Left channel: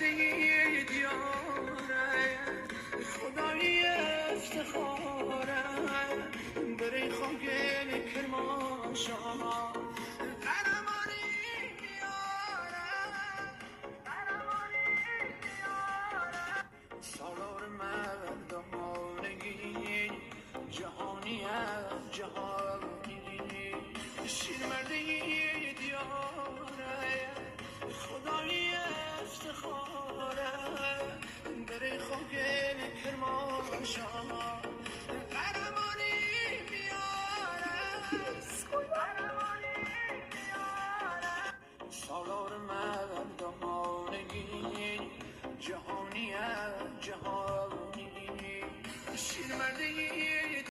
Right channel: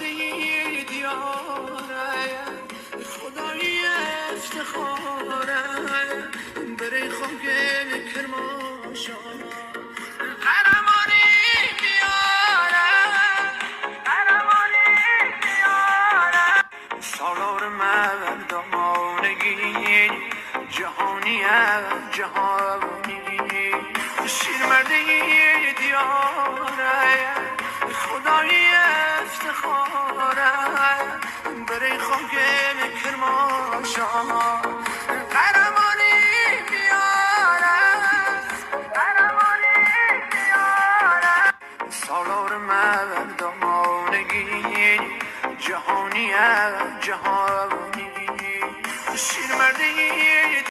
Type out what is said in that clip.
شده دیاره خدای افتخاره بری خاک کرماشا قهرمانی میاره قهرمانی میاره سالار مردانگی جهانی جهانی شیر مردی